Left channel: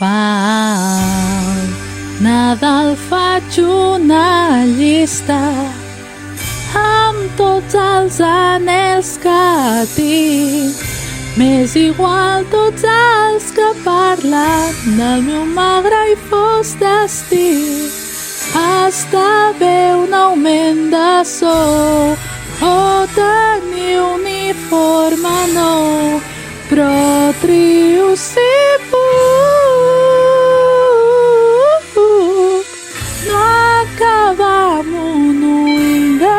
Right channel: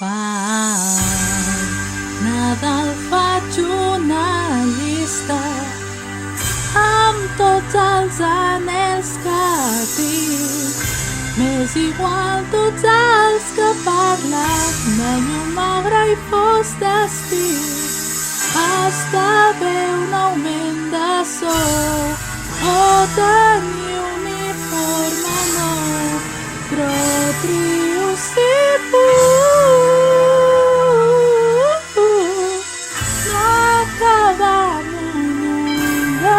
Pel Nadal faig una llista amb tots els anhels que tinc. M'és igual tots els que parlen del meu magre i fos destí. Esdevé un augment de sou o tenir uniforme nou, però trio si puc no acabar amb un ull de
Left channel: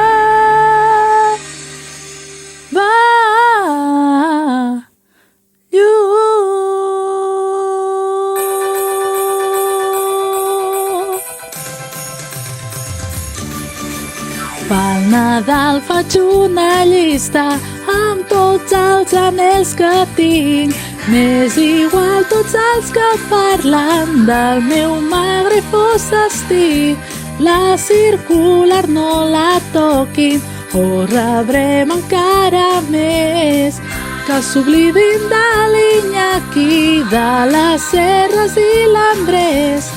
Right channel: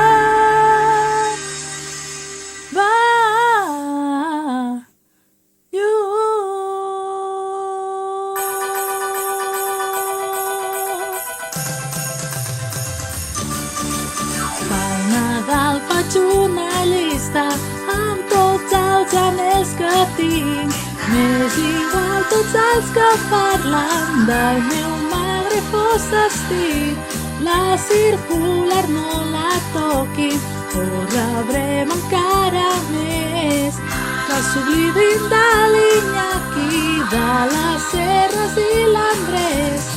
Pel Nadal faig una llista amb tots els anhels que tinc. M'és igual tots els que parlen del meu magre i fos destí. La circular no la toquin o rebrem encara més. Que s'oblidin de l'Iñaki, de les Serres i l'Andrés.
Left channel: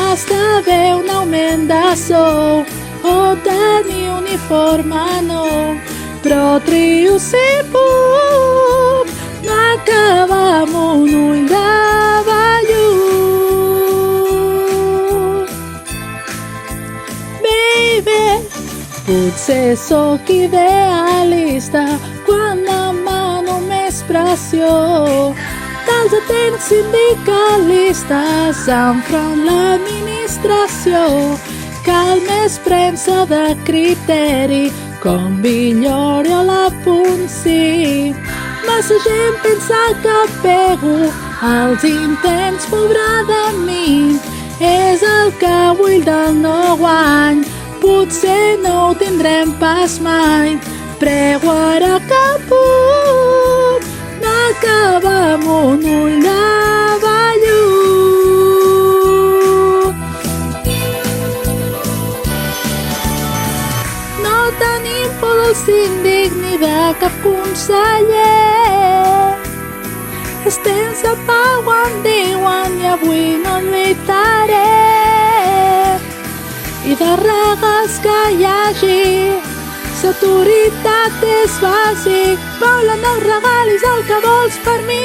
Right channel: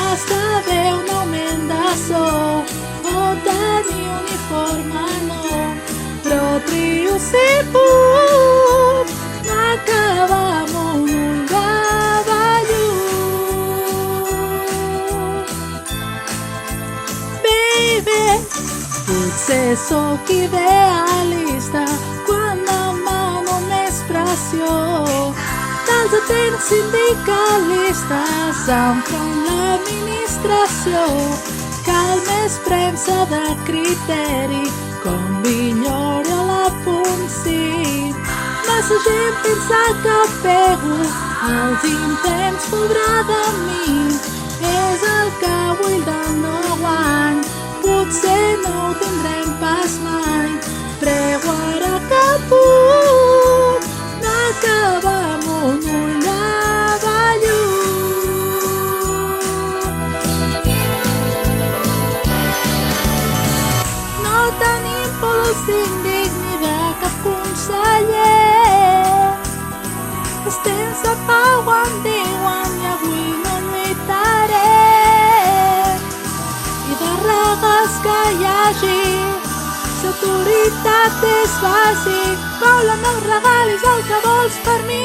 Esdevé un augment de sou o tenir uniforme nou, però trio si puc no acabar amb un ull de vellut. Baby, potser sóc idealista quan demano més pressió dels atents sindicalistes enfront l'administració. Cal més premsa de criteri, com Villori o la Ponsí. Massa gent pensa que pego als intents, pobre de mi. És el que vull del nou any, potser no ho tindrem pas mai. Prego ara que puc no acabar amb un ull de síndic ni de cap conseller. Els temps de pau em diuen i avui no lluitaré. I de regals que hi hagi, l'autoritat és bàsic. Volen els regalis el que vols per mi,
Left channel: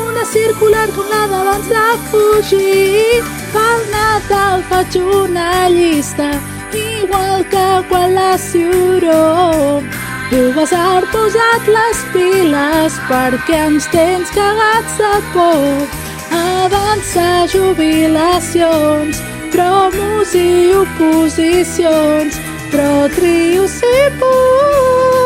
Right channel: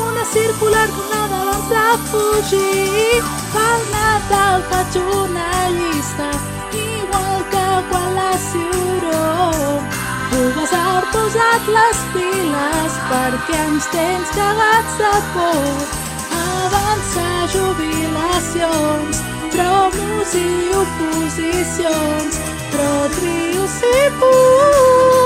una circular com la d'abans de fugir. Pel Nadal faig una llista igual que quan la Ciuró. Tu vas haver posat les piles perquè ens tens cagats de por. Avançar jubilacions, promos i oposicions, però trio si puc